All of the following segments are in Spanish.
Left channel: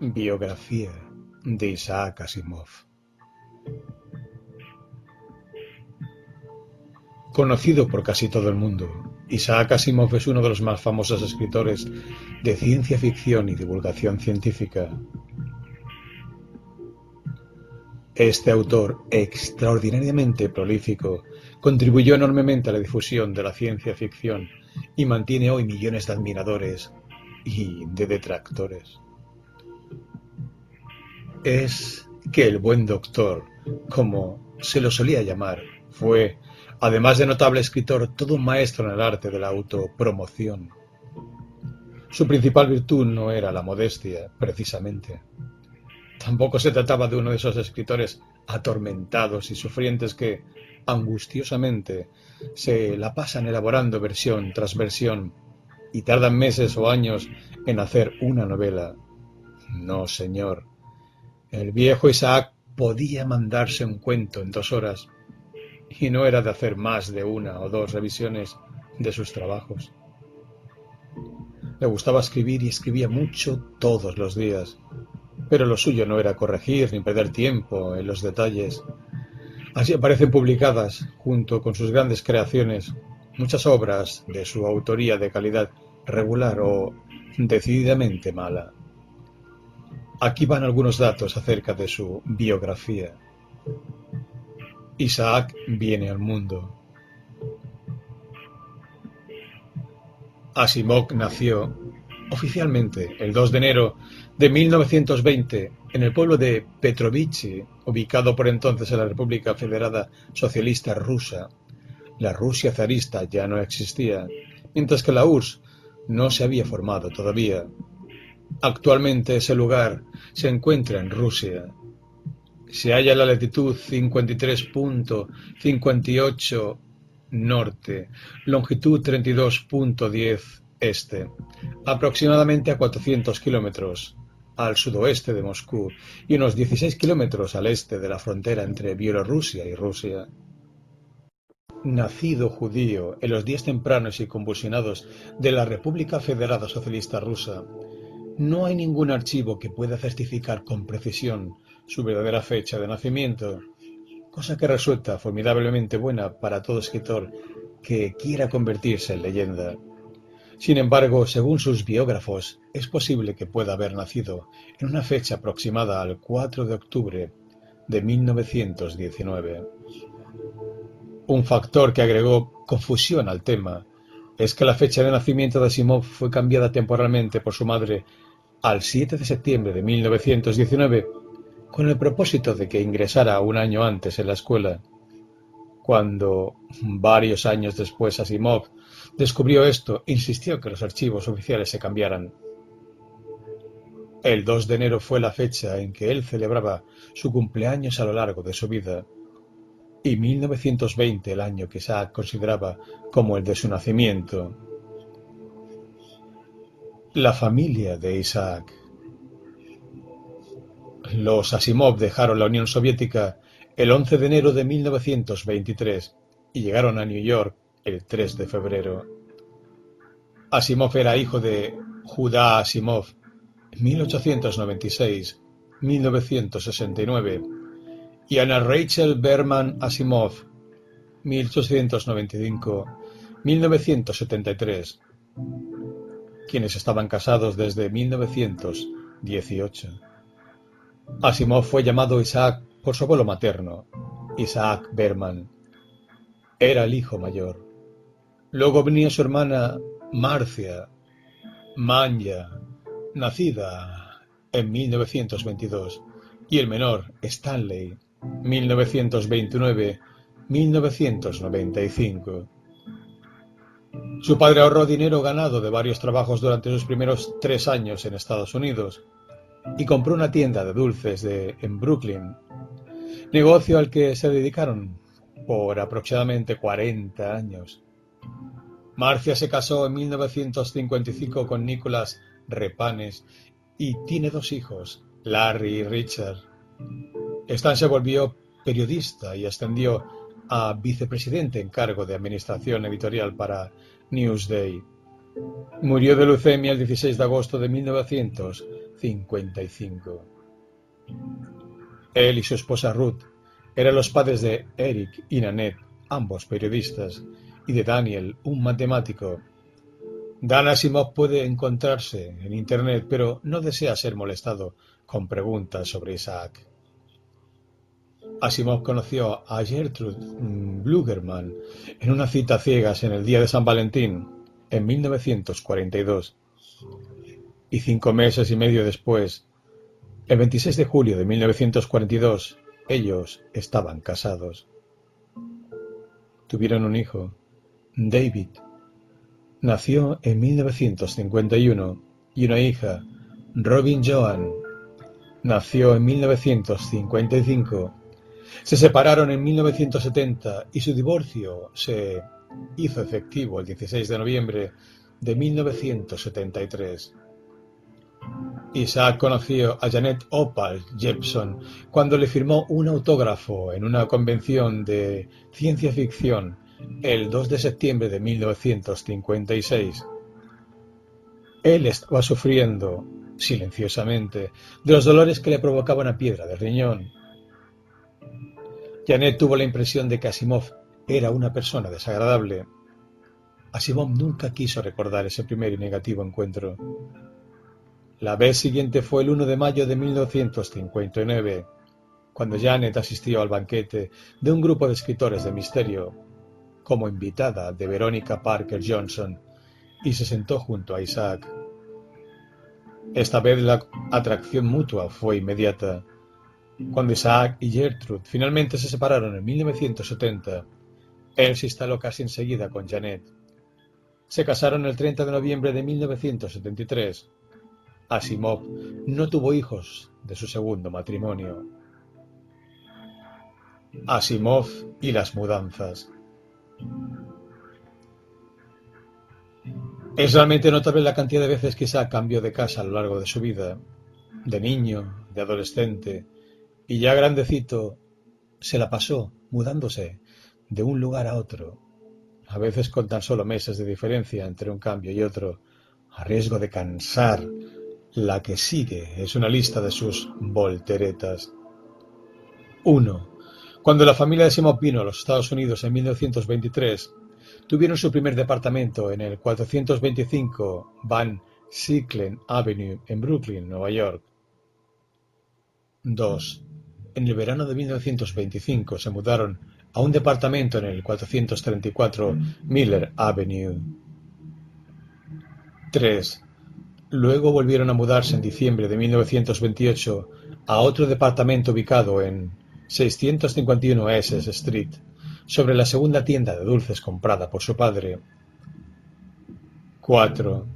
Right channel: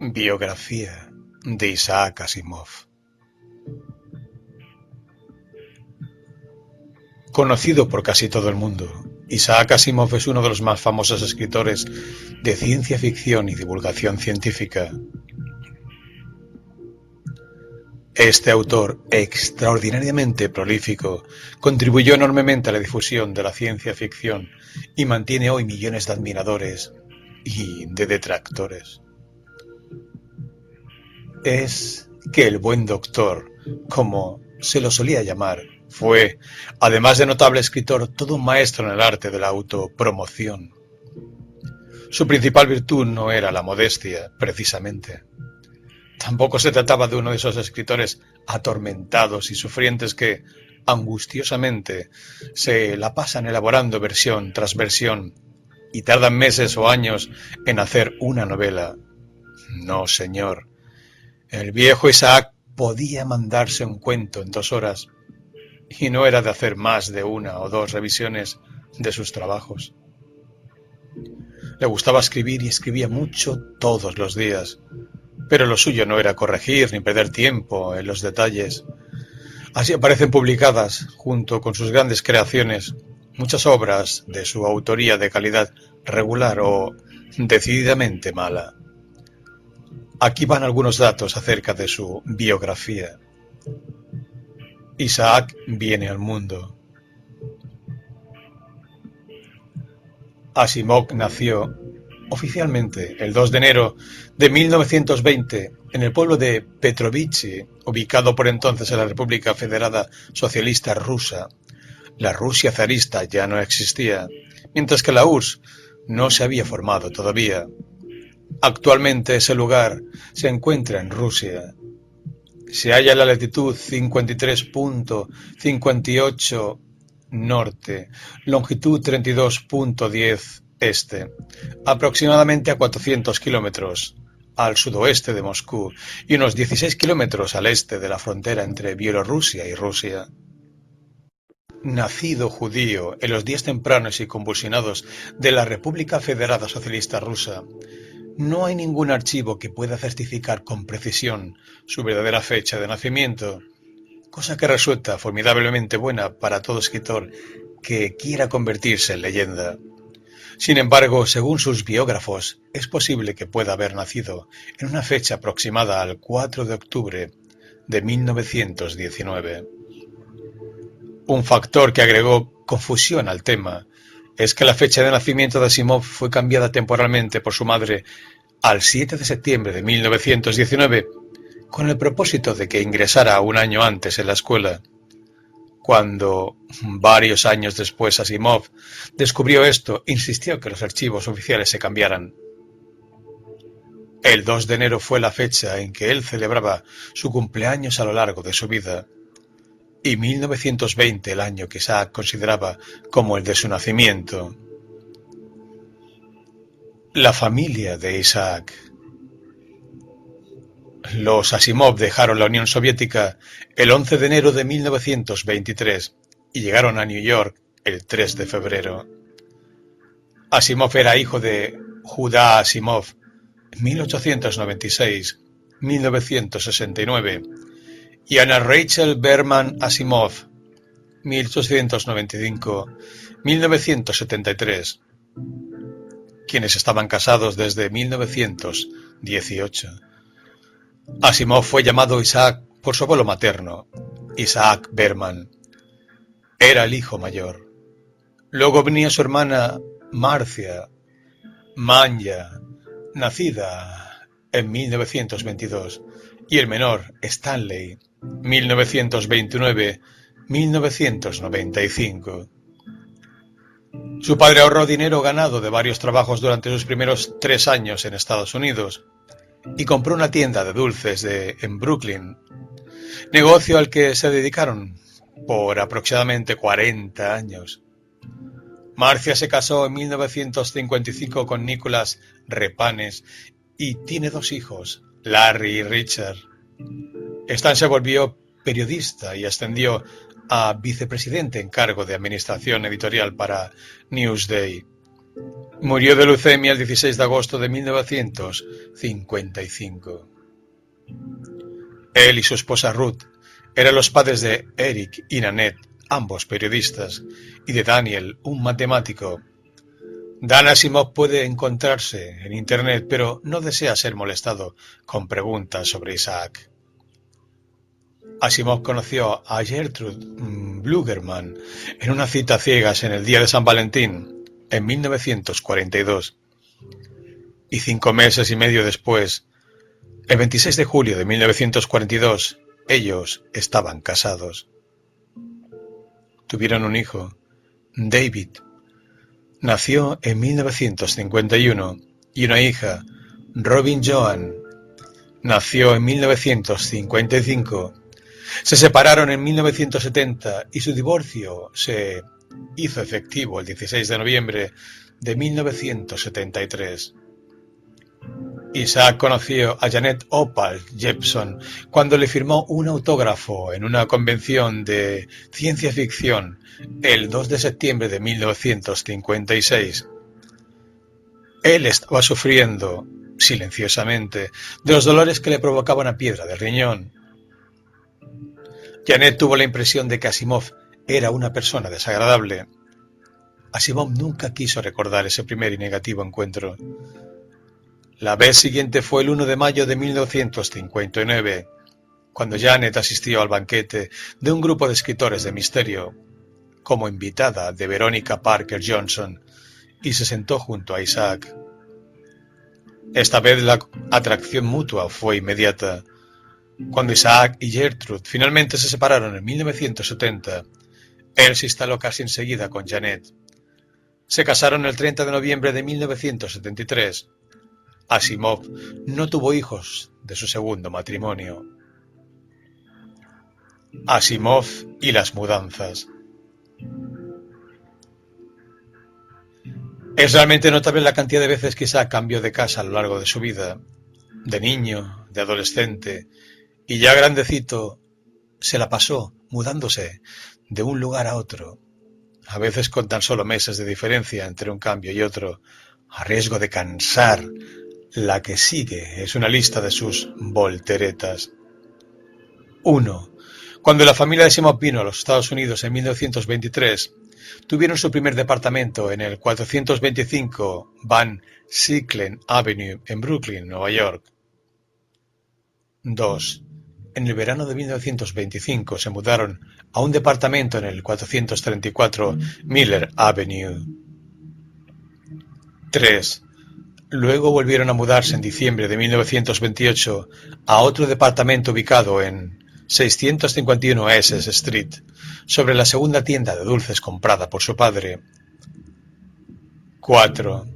Biografía de Isaac Asimov. Conocido por casi todo el mundo, Isaac Asimov es uno de los más famosos escritores de ciencia ficción y divulgación científica. Este autor, extraordinariamente prolífico, contribuyó enormemente a la difusión de la ciencia ficción y mantiene hoy millones de admiradores y de detractores. Es que el buen doctor, como se lo solía llamar, fue, además de notable escritor, todo un maestro en el arte de la autopromoción. Su principal virtud no era la modestia, precisamente. Tampoco se trataba de uno de esos escritores atormentados y sufrientes que, angustiosamente, se la pasan elaborando versión tras versión y tardan meses o años en hacer una novela. No, señor. El viejo Isaac podía mandarse un cuento en 2 horas y no era de hacer más de 1 o 2 revisiones de sus trabajos. Le gustaba escribir y escribía mucho todos los días, pero lo suyo no era corregir ni perder tiempo en los detalles. Así aparecen publicadas, junto con sus grandes creaciones, muchas obras de su autoría de calidad regular o decididamente mala. Aquí van algunos datos acerca de su biografía. Isaac viene al mundo. Asimov nació oficialmente el 2 de enero de 1920 en el pueblo de Petrovich, ubicado por entonces en la República Federada Socialista Rusa. La Rusia zarista ya no existía, mientras que la URSS no se había formado todavía. Actualmente ese lugar se encuentra en Rusia. Se halla en la latitud 53.58 norte, longitud 32.10 este, aproximadamente a 400 kilómetros al sudoeste de Moscú y unos 16 kilómetros al este de la frontera entre Bielorrusia y Rusia. Nacido judío en los días tempranos y convulsionados de la República Federada Socialista Rusa, no hay ningún archivo que pueda certificar con precisión su verdadera fecha de nacimiento, cosa que resulta formidablemente buena para todo escritor que quiera convertirse en leyenda. Sin embargo, según sus biógrafos, es posible que pueda haber nacido en una fecha aproximada al 4 de octubre de 1919. Un factor que agregó confusión al tema es que la fecha de nacimiento de Asimov fue cambiada temporalmente por su madre al 7 de septiembre de 1919, con el propósito de que ingresara un año antes en la escuela. Cuando, varios años después, Asimov descubrió esto, insistió que los archivos oficiales se cambiaran. El 2 de enero fue la fecha en que él celebraba su cumpleaños a lo largo de su vida, y 1920 el año que Isaac consideraba como el de su nacimiento. La familia de Isaac. Los Asimov dejaron la Unión Soviética el 11 de enero de 1923 y llegaron a New York el 3 de febrero. Asimov era hijo de Judá Asimov, 1896-1969, y Anna Rachel Berman Asimov, 1895-1973, quienes estaban casados desde 1918. Asimov fue llamado Isaac por su abuelo materno, Isaac Berman. Era el hijo mayor. Luego venía su hermana Marcia Manya, nacida en 1922, y el menor, Stanley, 1929-1995. Su padre ahorró dinero ganado de varios trabajos durante sus primeros 3 años en Estados Unidos y compró una tienda de dulces en Brooklyn, negocio al que se dedicaron por aproximadamente 40 años. Marcia se casó en 1955 con Nicholas Repanes y tiene 2 hijos, Larry y Richard. Stan se volvió periodista y ascendió a vicepresidente en cargo de administración editorial para Newsday. Murió de leucemia el 16 de agosto de 1955. Él y su esposa Ruth eran los padres de Eric y Nanette, ambos periodistas, y de Daniel, un matemático. Dan Asimov puede encontrarse en Internet, pero no desea ser molestado con preguntas sobre Isaac. Asimov conoció a Gertrude Blugerman en una cita a ciegas en el día de San Valentín, en 1942. Y 5 meses y medio después, el 26 de julio de 1942, ellos estaban casados. Tuvieron un hijo, David. Nació en 1951 y una hija, Robin Joan. Nació en 1955. Se separaron en 1970 y su divorcio se hizo efectivo el 16 de noviembre de 1973. Isaac conoció a Janet Opal Jepson cuando le firmó un autógrafo en una convención de ciencia ficción el 2 de septiembre de 1956. Él estaba sufriendo, silenciosamente, de los dolores que le provocaba una piedra de riñón. Janet tuvo la impresión de que Asimov era una persona desagradable. Asimov nunca quiso recordar ese primer y negativo encuentro. La vez siguiente fue el 1 de mayo de 1959, cuando Janet asistió al banquete de un grupo de escritores de misterio, como invitada de Veronica Parker Johnson, y se sentó junto a Isaac. Esta vez la atracción mutua fue inmediata. Cuando Isaac y Gertrude finalmente se separaron en 1970, él se instaló casi enseguida con Janet. Se casaron el 30 de noviembre de 1973. Asimov no tuvo hijos de su segundo matrimonio. Asimov y las mudanzas. Es realmente notable la cantidad de veces que Isaac cambió de casa a lo largo de su vida. De niño, de adolescente y ya grandecito, se la pasó mudándose de un lugar a otro, a veces con tan solo meses de diferencia entre un cambio y otro, a riesgo de cansar. La que sigue es una lista de sus volteretas. 1. Cuando la familia de Asimov vino a los Estados Unidos en 1923, tuvieron su primer departamento en el 425 Van Sicklen Avenue en Brooklyn, Nueva York. 2. En el verano de 1925 se mudaron a un departamento en el 434 Miller Avenue. 3. Luego volvieron a mudarse en diciembre de 1928 a otro departamento ubicado en 651 Essex Street, sobre la segunda tienda de dulces comprada por su padre. 4.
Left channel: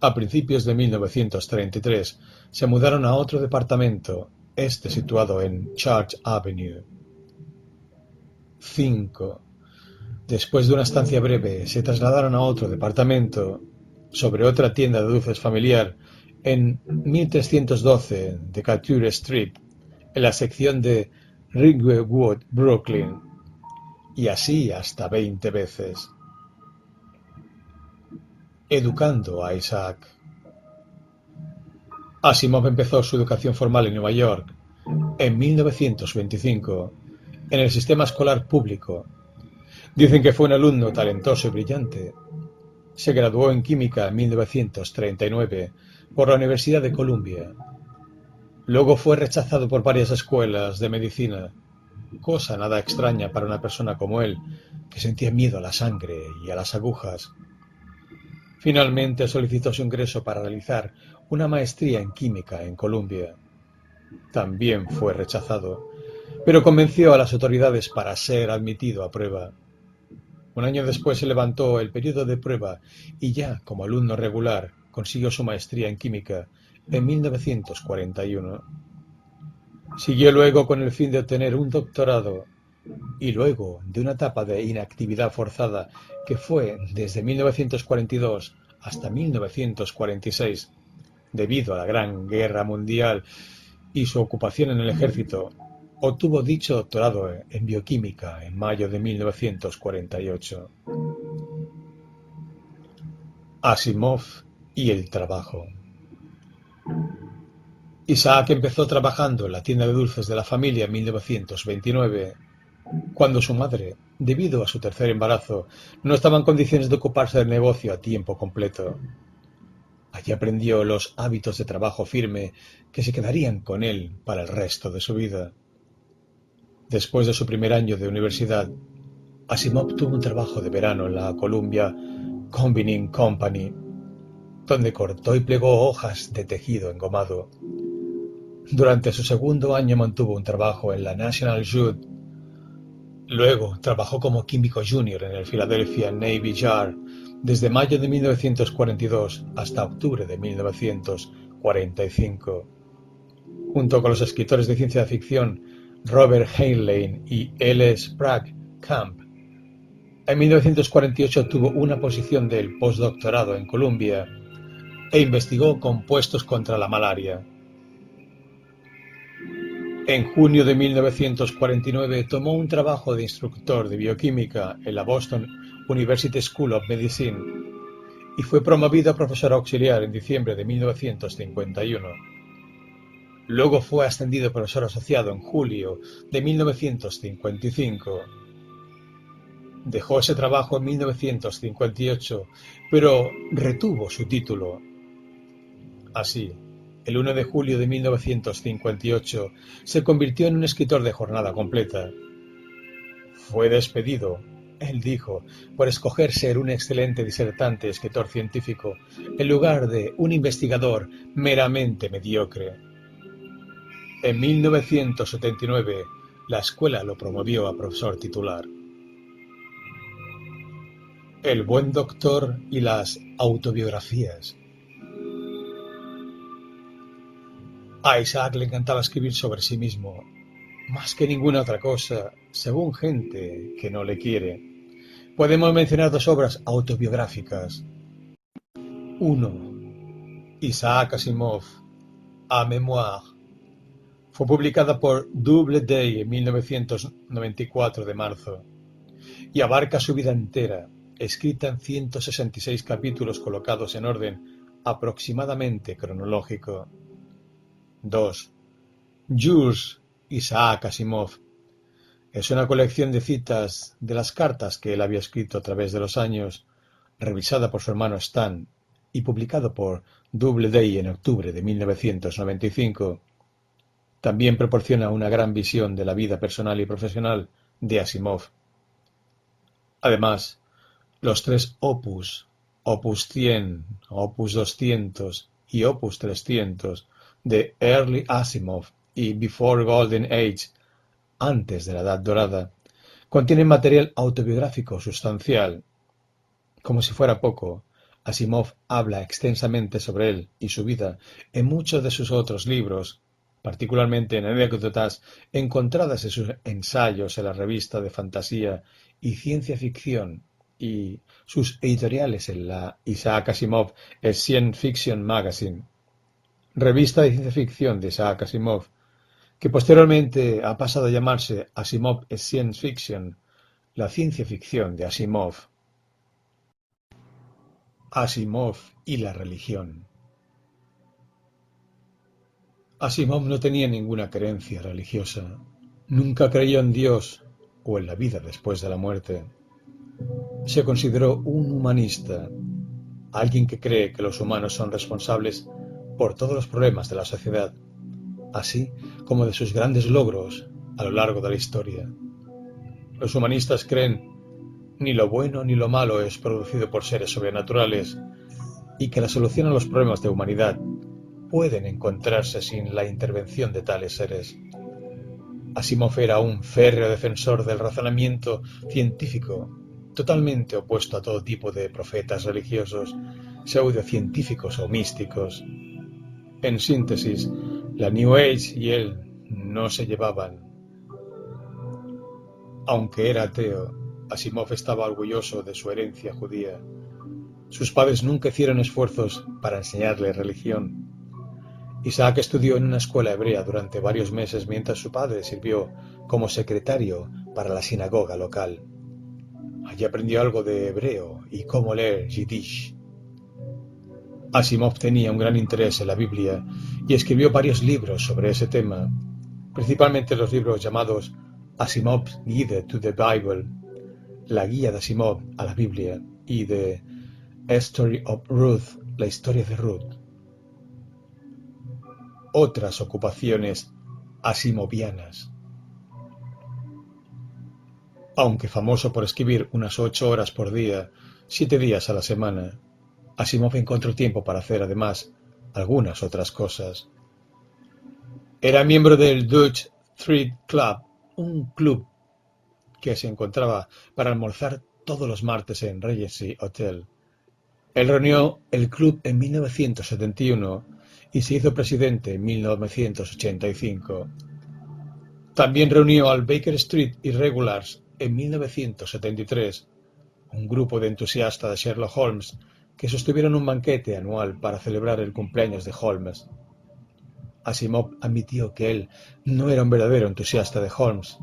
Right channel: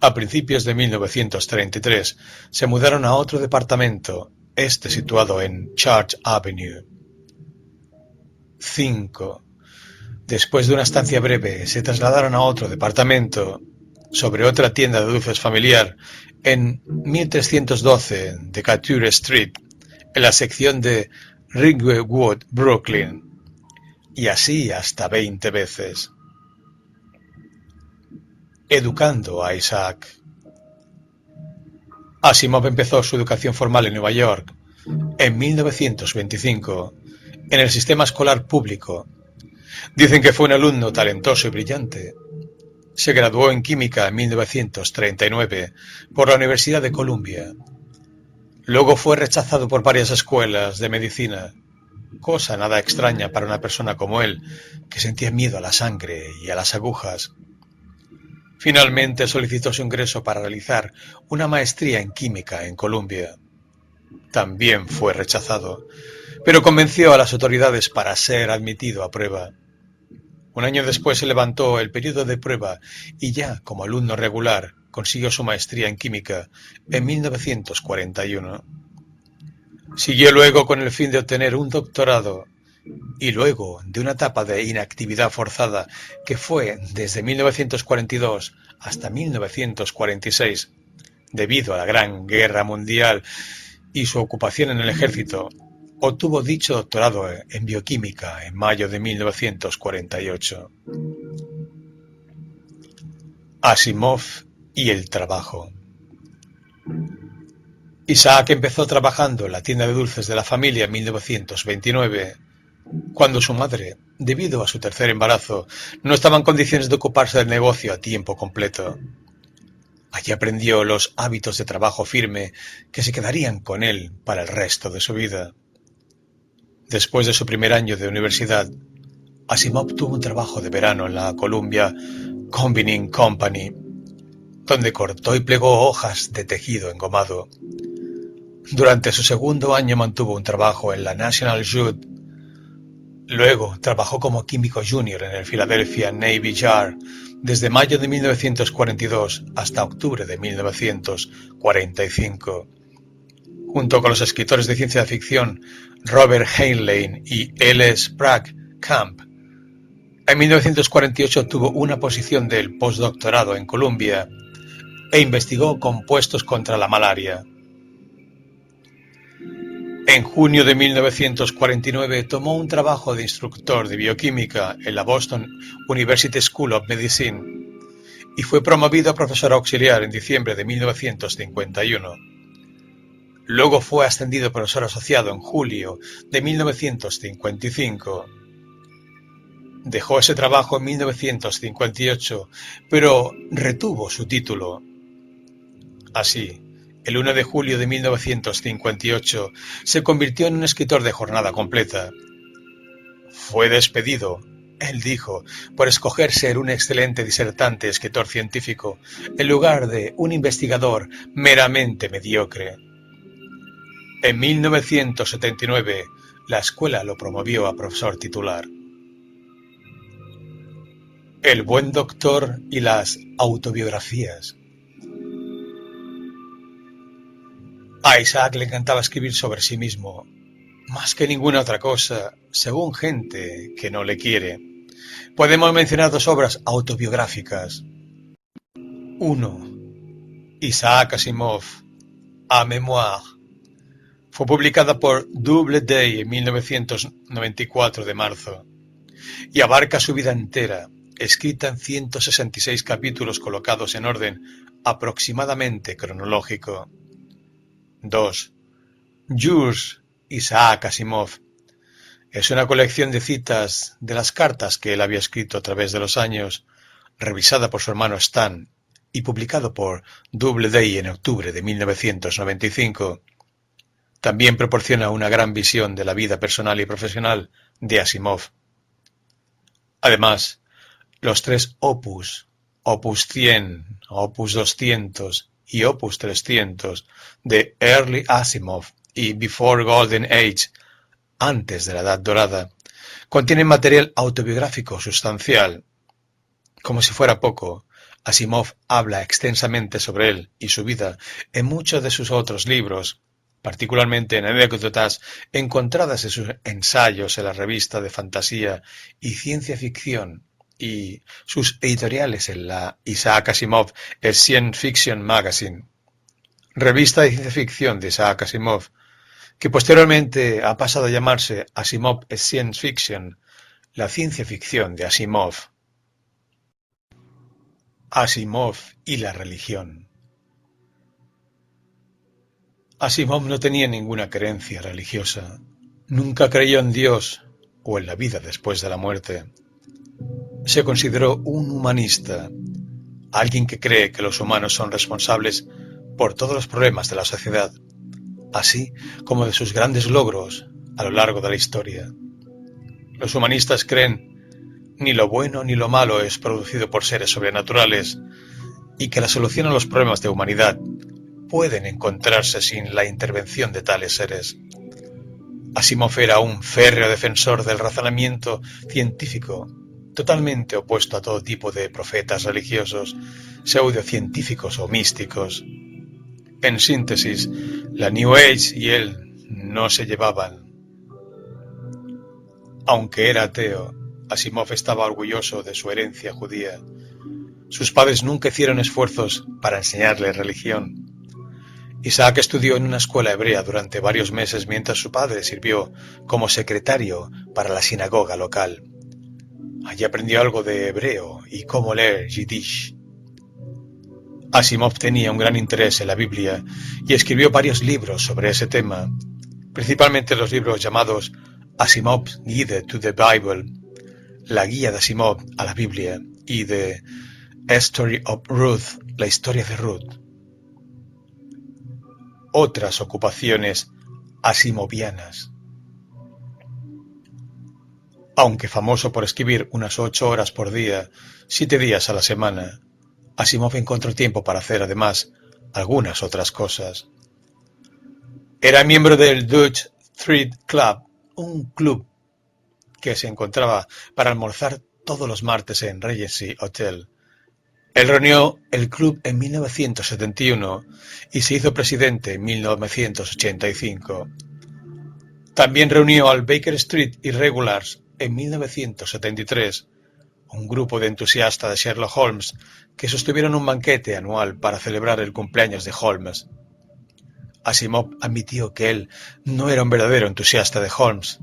A principios de 1933 se mudaron a otro departamento, situado en Church Avenue. 5. Después de una estancia breve, se trasladaron a otro departamento, sobre otra tienda de dulces familiar, en 1312 Decatur Street, en la sección de Ridgewood, Brooklyn, y así hasta 20 veces. Educando a Isaac. Asimov empezó su educación formal en Nueva York en 1925, en el sistema escolar público. Dicen que fue un alumno talentoso y brillante. Se graduó en química en 1939 por la Universidad de Columbia. Luego fue rechazado por varias escuelas de medicina, cosa nada extraña para una persona como él, que sentía miedo a la sangre y a las agujas. Finalmente solicitó su ingreso para realizar una maestría en química en Columbia. También fue rechazado, pero convenció a las autoridades para ser admitido a prueba. Un año después se levantó el periodo de prueba y ya como alumno regular consiguió su maestría en química en 1941. Siguió luego con el fin de obtener un doctorado y luego de una etapa de inactividad forzada que fue desde 1942 hasta 1946 debido a la Gran Guerra Mundial y su ocupación en el ejército. Obtuvo dicho doctorado en bioquímica en mayo de 1948. Asimov y el trabajo. Isaac empezó trabajando en la tienda de dulces de la familia en 1929, cuando su madre, debido a su tercer embarazo, no estaba en condiciones de ocuparse del negocio a tiempo completo. Allí aprendió los hábitos de trabajo firme que se quedarían con él para el resto de su vida. Después de su primer año de universidad, Asimov tuvo un trabajo de verano en la Columbia Combining Company, donde cortó y plegó hojas de tejido engomado. Durante su segundo año mantuvo un trabajo en la National Jute. Luego trabajó como químico junior en el Philadelphia Navy Yard desde mayo de 1942 hasta octubre de 1945. Junto con los escritores de ciencia ficción Robert Heinlein y L. Sprague Camp. En 1948 obtuvo una posición del postdoctorado en Columbia e investigó compuestos contra la malaria. En junio de 1949 tomó un trabajo de instructor de bioquímica en la Boston University School of Medicine y fue promovido a profesor auxiliar en diciembre de 1951. Luego fue ascendido a profesor asociado en julio de 1955. Dejó ese trabajo en 1958, pero retuvo su título. Así, el 1 de julio de 1958 se convirtió en un escritor de jornada completa. Fue despedido, él dijo, por escoger ser un excelente disertante escritor científico en lugar de un investigador meramente mediocre. En 1979, la escuela lo promovió a profesor titular. El buen doctor y las autobiografías. A Isaac le encantaba escribir sobre sí mismo, más que ninguna otra cosa, según gente que no le quiere. Podemos mencionar dos obras autobiográficas. 1. Isaac Asimov, A Memoir. Fue publicada por Doubleday en 1994 de marzo y abarca su vida entera, escrita en 166 capítulos colocados en orden aproximadamente cronológico. 2. Yours, Isaac Asimov. Es una colección de citas de las cartas que él había escrito a través de los años, revisada por su hermano Stan y publicado por Doubleday en octubre de 1995. También proporciona una gran visión de la vida personal y profesional de Asimov. Además, los tres opus, opus 100, opus 200 y opus 300 de Early Asimov y Before Golden Age, antes de la Edad Dorada, contienen material autobiográfico sustancial. Como si fuera poco, Asimov habla extensamente sobre él y su vida en muchos de sus otros libros, particularmente en anécdotas encontradas en sus ensayos en la revista de fantasía y ciencia ficción y sus editoriales en la Isaac Asimov Science Fiction Magazine, revista de ciencia ficción de Isaac Asimov, que posteriormente ha pasado a llamarse Asimov Science Fiction, la ciencia ficción de Asimov. Asimov y la religión. Asimov no tenía ninguna creencia religiosa. Nunca creyó en Dios o en la vida después de la muerte. Se consideró un humanista, alguien que cree que los humanos son responsables por todos los problemas de la sociedad, así como de sus grandes logros a lo largo de la historia. Los humanistas creen ni lo bueno ni lo malo es producido por seres sobrenaturales y que la solución a los problemas de humanidad pueden encontrarse sin la intervención de tales seres. Asimov era un férreo defensor del razonamiento científico, totalmente opuesto a todo tipo de profetas religiosos, pseudocientíficos o místicos. En síntesis, la New Age y él no se llevaban. Aunque era ateo, Asimov estaba orgulloso de su herencia judía. Sus padres nunca hicieron esfuerzos para enseñarle religión. Isaac estudió en una escuela hebrea durante varios meses mientras su padre sirvió como secretario para la sinagoga local. Allí aprendió algo de hebreo y cómo leer Yiddish. Asimov tenía un gran interés en la Biblia y escribió varios libros sobre ese tema, principalmente los libros llamados Asimov's Guide to the Bible, la guía de Asimov a la Biblia, y The Story of Ruth, la historia de Ruth. Otras ocupaciones asimovianas. Aunque famoso por escribir unas 8 horas por día, 7 días a la semana, Asimov encontró tiempo para hacer además algunas otras cosas. Era miembro del Dutch Street Club, un club que se encontraba para almorzar todos los martes en Regency Hotel. Él reunió el club en 1971 y se hizo presidente en 1985. También reunió al Baker Street Irregulars en 1973, un grupo de entusiastas de Sherlock Holmes que sostuvieron un banquete anual para celebrar el cumpleaños de Holmes. Asimov admitió que él no era un verdadero entusiasta de Holmes,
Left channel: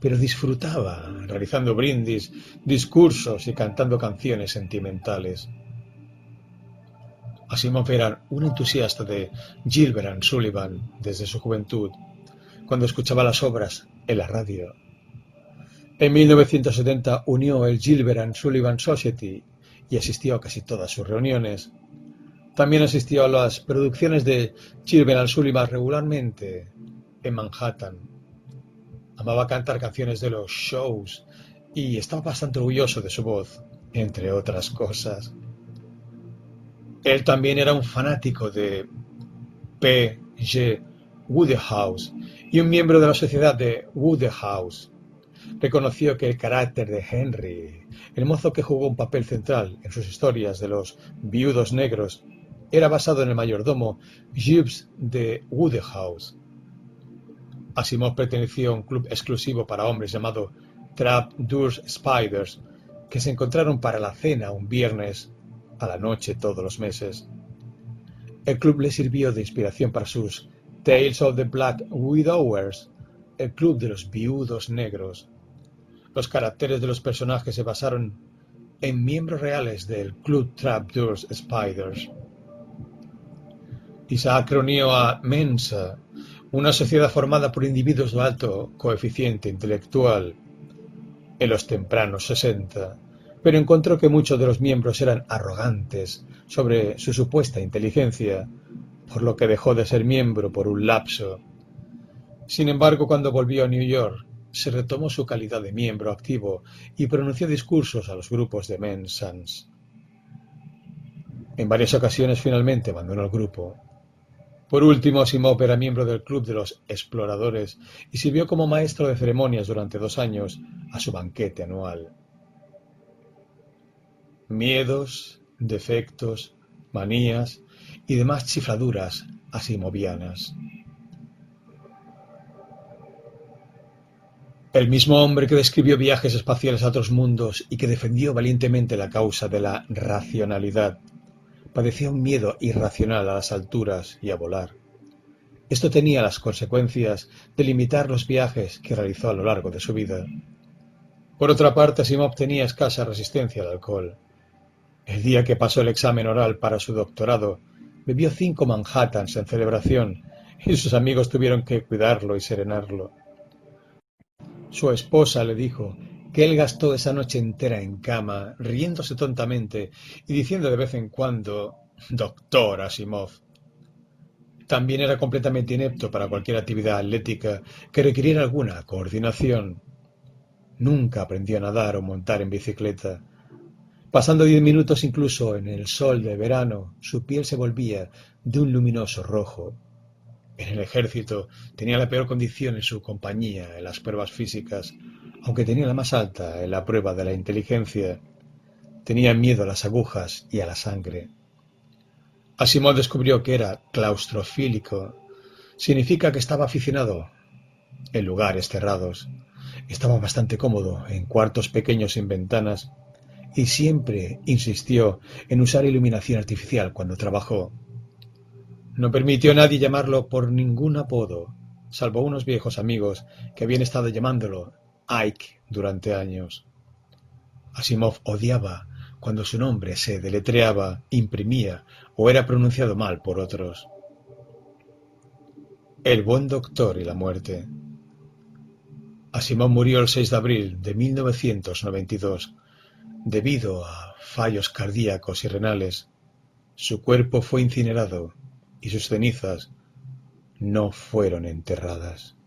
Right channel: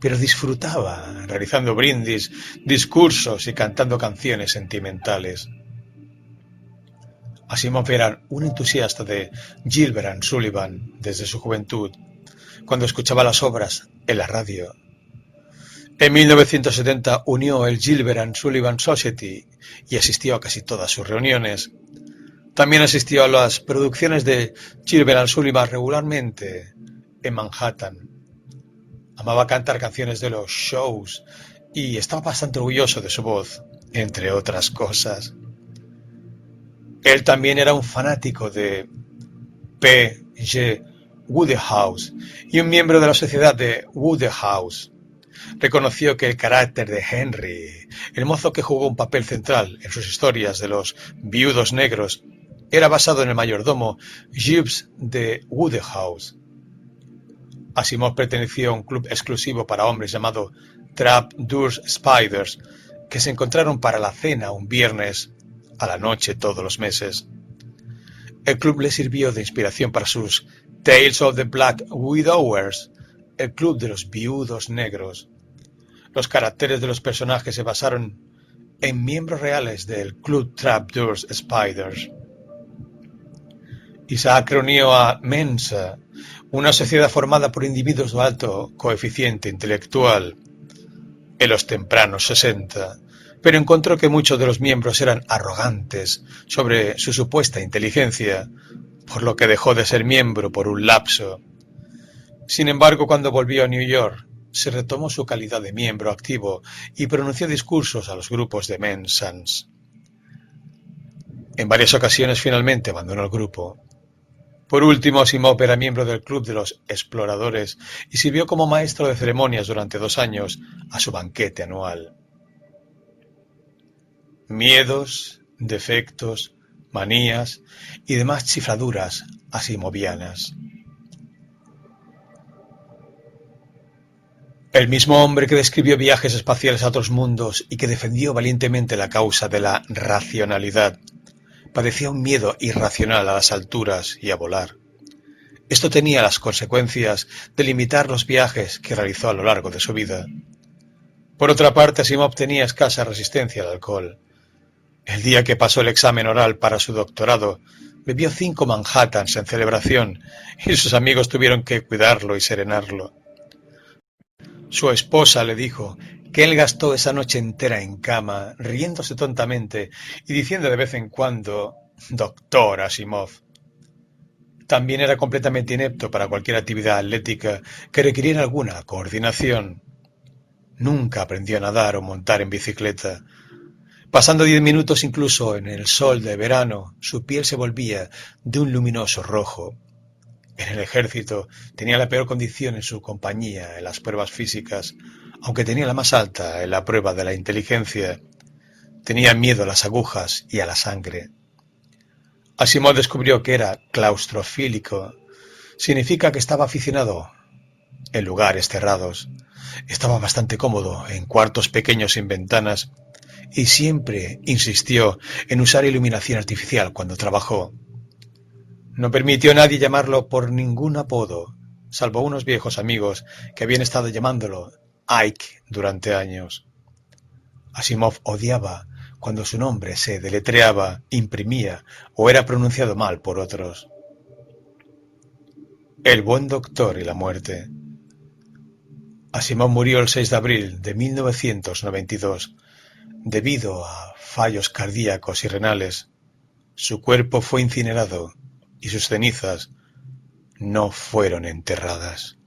pero disfrutaba realizando brindis, discursos y cantando canciones sentimentales. Asimov era un entusiasta de Gilbert and Sullivan desde su juventud, cuando escuchaba las obras en la radio. En 1970 unió el Gilbert and Sullivan Society y asistió a casi todas sus reuniones. También asistió a las producciones de Gilbert and Sullivan regularmente en Manhattan. Amaba cantar canciones de los shows y estaba bastante orgulloso de su voz, entre otras cosas. Él también era un fanático de P. G. Wodehouse y un miembro de la sociedad de Wodehouse. Reconoció que el carácter de Henry, el mozo que jugó un papel central en sus historias de los viudos negros, era basado en el mayordomo Gibbs de Wodehouse. Asimov perteneció a un club exclusivo para hombres llamado Trap-Doors Spiders, que se encontraron para la cena un viernes a la noche todos los meses. El club le sirvió de inspiración para sus Tales of the Black Widowers, el club de los viudos negros. Los caracteres de los personajes se basaron en miembros reales del club Trap-Doors Spiders. Isaac reunió a Mensa, una sociedad formada por individuos de alto coeficiente intelectual, en los tempranos 60, pero encontró que muchos de los miembros eran arrogantes sobre su supuesta inteligencia, por lo que dejó de ser miembro por un lapso. Sin embargo, cuando volvió a New York, se retomó su calidad de miembro activo y pronunció discursos a los grupos de Mensans. En varias ocasiones finalmente abandonó el grupo. Por último, Asimov era miembro del Club de los Exploradores y sirvió como maestro de ceremonias durante 2 años a su banquete anual. Miedos, defectos, manías y demás chifladuras asimovianas. El mismo hombre que describió viajes espaciales a otros mundos y que defendió valientemente la causa de la racionalidad, padecía un miedo irracional a las alturas y a volar. Esto tenía las consecuencias de limitar los viajes que realizó a lo largo de su vida. Por otra parte, Asimov tenía escasa resistencia al alcohol. El día que pasó el examen oral para su doctorado, bebió 5 Manhattans en celebración y sus amigos tuvieron que cuidarlo y serenarlo. Su esposa le dijo que él gastó esa noche entera en cama, riéndose tontamente y diciendo de vez en cuando, «Doctor Asimov». También era completamente inepto para cualquier actividad atlética que requiriera alguna coordinación. Nunca aprendió a nadar o montar en bicicleta. Pasando 10 minutos incluso en el sol de verano, su piel se volvía de un luminoso rojo. En el ejército tenía la peor condición en su compañía en las pruebas físicas, aunque tenía la más alta en la prueba de la inteligencia. Tenía miedo a las agujas y a la sangre. Asimov descubrió que era claustrofílico. Significa que estaba aficionado en lugares cerrados. Estaba bastante cómodo en cuartos pequeños sin ventanas y siempre insistió en usar iluminación artificial cuando trabajó. No permitió a nadie llamarlo por ningún apodo, salvo unos viejos amigos que habían estado llamándolo Ike durante años. Asimov odiaba cuando su nombre se deletreaba, imprimía o era pronunciado mal por otros. El buen doctor y la muerte. Asimov murió el 6 de abril de 1992 debido a fallos cardíacos y renales. Su cuerpo fue incinerado y sus cenizas no fueron enterradas.